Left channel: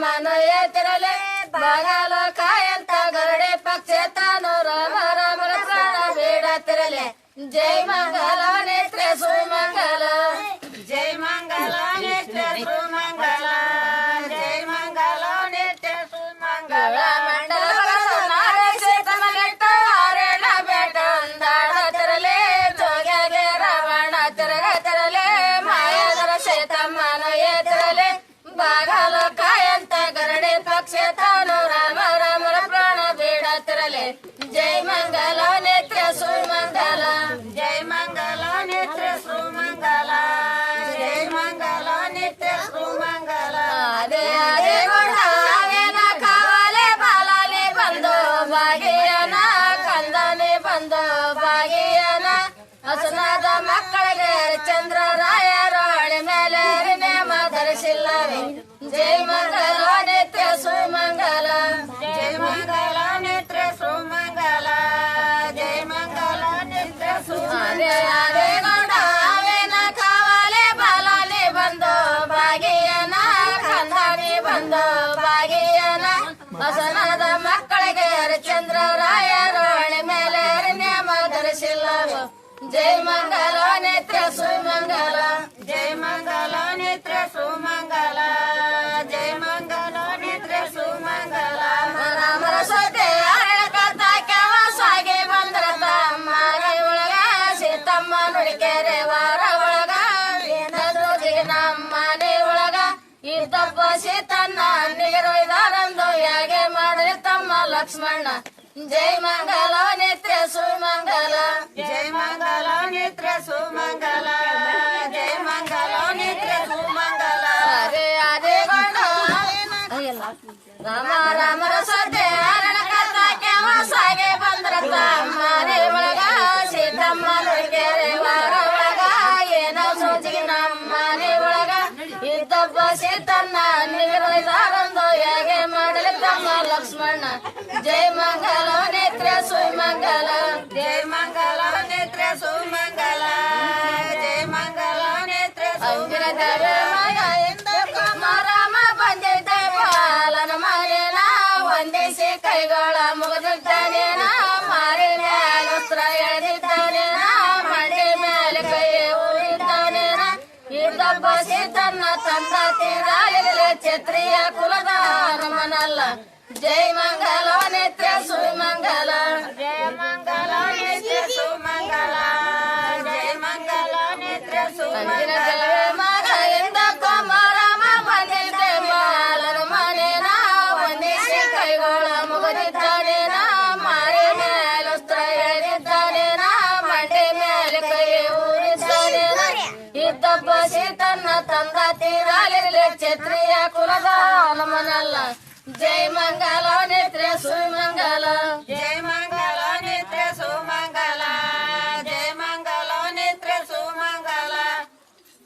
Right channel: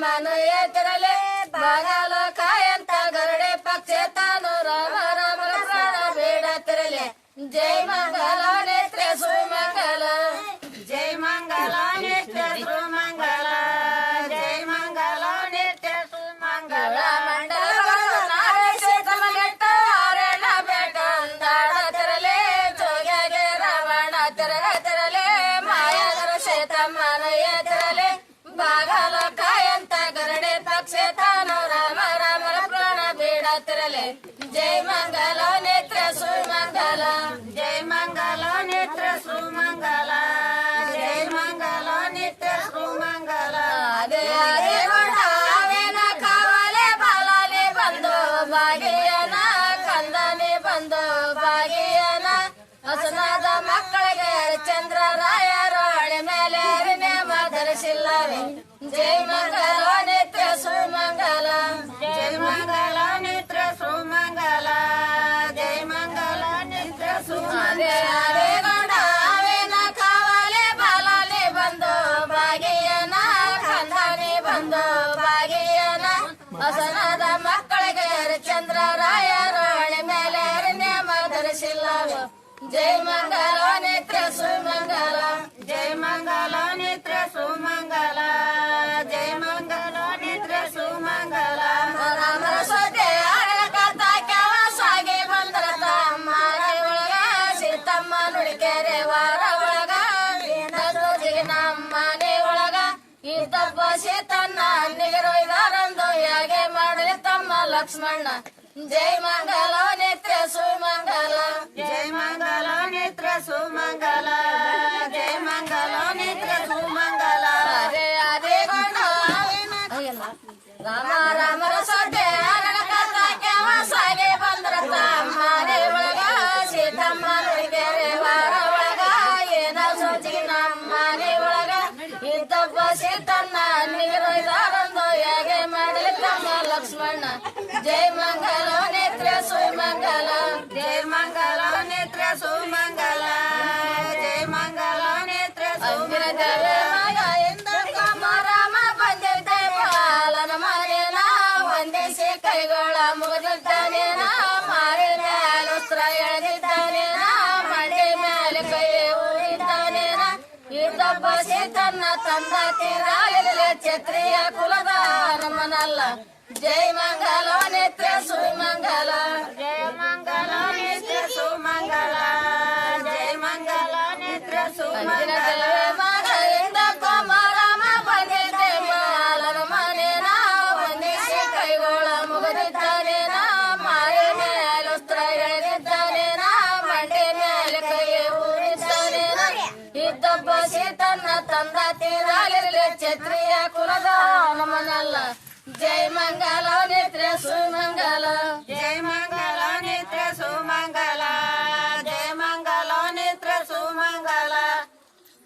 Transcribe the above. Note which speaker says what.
Speaker 1: మన ఎదురలే కాయంత గరుడే పక్షేతాను రామ రాముల ప్రాణ వేడతిరలే జై మంగళ నేత్ర సుమంగళ జై మంగళ నేత్ర సుమంగళ జై మంగళ నేత్ర సుమంగళ ಬಂದು ಬಾಗಿಯನ ಹಸನಾದ ಮಕ್ಕಳಿಗೆ ಚಂದ್ರ ರಾಯರು ಹಳೆ ಮೇಲೆ ನೇಮ ಧರಿಸಿಲ್ಲ ಜೈ ಮಂಗಲ ನೇತ್ರ ಸುಮಂಗಲ ಜೈ ಮಂಗಲ ನೇತ್ರ ಸುಮಂಗಲ ಜೈ ಮಂಗಲ ನೇತ್ರ ಸುಮಂಗಲ ಬಂದು. ಬಾಗಿಯನ ಹಸನಾದ ಮಕ್ಕಳಿಗೆ ಚಂದ್ರ ರಾಯರು ಜೈ ಮಂಗಲ ನೇತ್ರ ಸುಮಂಗಲ, ಜೈ ಮಂಗಲ ನೇತ್ರ ಸುಮಂಗಲ, ಜೈ ಮಂಗಲ ನೇತ್ರ ಸುಮಂಗಲ. ರಾಮರ ಸೊತೆ ಸಾಗಿ ಬಂದ್ರ ಮಾರವಿಯ ಸೀತಮ್ಮ ನುಡಿಕೆರೆ ವಾರ ಒಳಗ. ಏನದೋದಿ ನಮ್ಮ ಮನೆ ಒಳಗ. ಇದ್ದಪ್ಪ ಸೀತನ್ನ ನೀರೊಯ್ದಾರಂದು ಹೇಗೆ ಮಾಡಿದ ತಮ್ಮ ಲಕ್ಷ್ಮಣ ಜೈ ಮಂಗಲ ನೇತ್ರ ಸುಮಂಗಲ. ರಾಮ ರಾಮರ ಸೊಡ್ಡೆ ಅರಳಕತ್ತ ಸಾಗೆ ಬಂದ್ರ ಮಾರೆ ಸೀತಮ್ಮ ನುಡಿಗೆರೆ ಒಳಗ ಏನೋ ಸೋಚಿಗೆ ನಮ್ಮ ಒಳಗ. ಇದ್ದಪ್ಪ ಸೀತನ್ನ ನೀರೊಯ್ದಾರಂದು ಹೇಗೆ ಮಾಡಲಿ ತಮ್ಮ ಲಕ್ಷ್ಮಣ. ಜೈ ಮಂಗಲ ನೇತ್ರ ಸುಮಂಗಲ. ಜೈ ಮಂಗಲ ನೇತ್ರ ಸುಮಂಗಲ. ಜಯ ಮಂಗಲ ನೇತ್ರ ಸುಮಂಗಲ. ಇದ್ದಪ್ಪ ಸೀತನ್ನ ತಂದ ತೀರಾಲಿಲ್ಲ ಛತ್ರಿಯ ಕುಲದ ಹನುಮನಲ್ಲ ಜೈ ಮಂಗಲ ನಿತ್ಯ ಸುಮಂಗಲ ಜಯ ಮಂಗಲ ನಿತ್ಯ ಸುಮಂಗಲ ಜೈ ಮಂಗಲ ನಿತ್ಯ ಸುಮಂಗಲ ತೀರಾಲಿಲ್ಲ ಛತ್ರಿಯ ಕುಲದ ಹನುಮನಲ್ಲ ಜೈ ಮಂಗಲ ನಿತ್ಯ ಸುಮಂಗಲ ಜೈ